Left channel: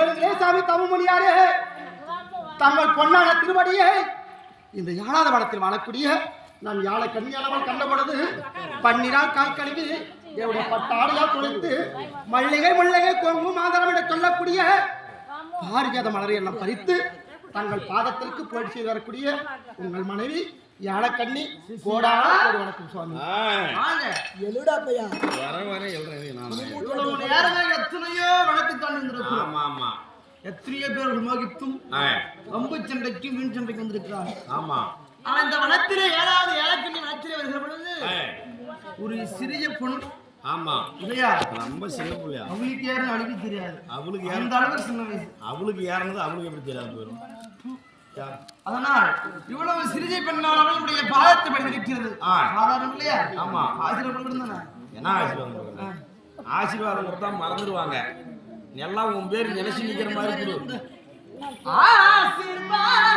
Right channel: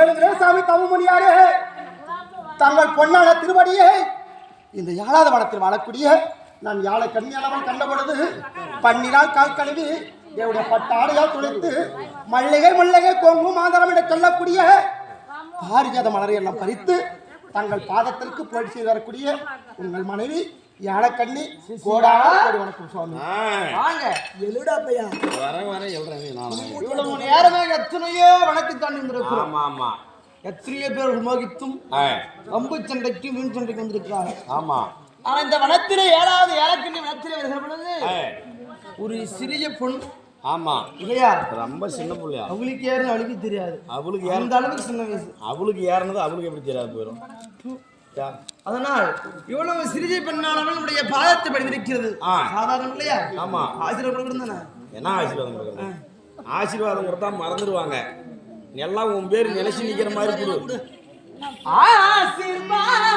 ராமமணியாரே தங்கள் பொன்னான திருவடியை இந்த யாழாத வனத்தில் வாழக்கூடிய நான் யாழ கண்ணியானவன் கண்டபொழுது பன்னினால் கால் கழுவி என்னுடைய பட்டாடையால் துளைத்து மல்லிகை முல்லிகை கொங்கு மாதரம் என்று சொல்லக்கூடிய பாரிஜாத மலரை எல்லாம் பறித்து தங்கள் பாதத்திற்கு போய் செய்து வரக்கூடிய உங்கள் மனைவி யாழக்கண்ணி கோடான கோடி வணக்கம் சுவாமி. வாங்க. எழுடா பையா வர வர எழுறேன் நான் இவ்வளவு நேரமே எத்தனையோ வணக்கத்தான் வந்திருக்கிறோம் ஆமா ஆமா. எத்தனையோ பேர் மோகித்தும் ஆ, அம்பு சண்டைக்கு மீன் சண்டைக்கு வந்திருக்கிறாங்க ஆமா. ஆனா இந்த வனத்திலே ஏழாவது ஏழக்கண்ணி வனத்திலே வருகிற பொழுது ஒரு சிறிய பொண்ணு ஆமா. இல்லையா? ரொம்ப சின்ன பிள்ளையா. அவளுக்கு ஏறும் அவளுக்கு தெரியாது. அவளுக்கு ஏற அந்த அளவுக்கு சின்ன வயசு. அவளுக்கு ஏறினது அவளுக்கு எப்படி தெரியாது போயிடும் அதனால் இவ்வளவு சிறிய பெண்ணாலும் நம்முடைய பாதத்தை படித்திருக்கிறது. சாதாரணம் இல்லையா? ஆமா. ஆசிரியர் இருந்தானே என்ன ஆசீர்வாதம்? ஆசீர்வாதம் கொடுத்தா மறந்துடுவாங்க எல்லாம் உன் பேர் நினைச்சு நிக்கிற மாதிரி ஆசீர்வாதம்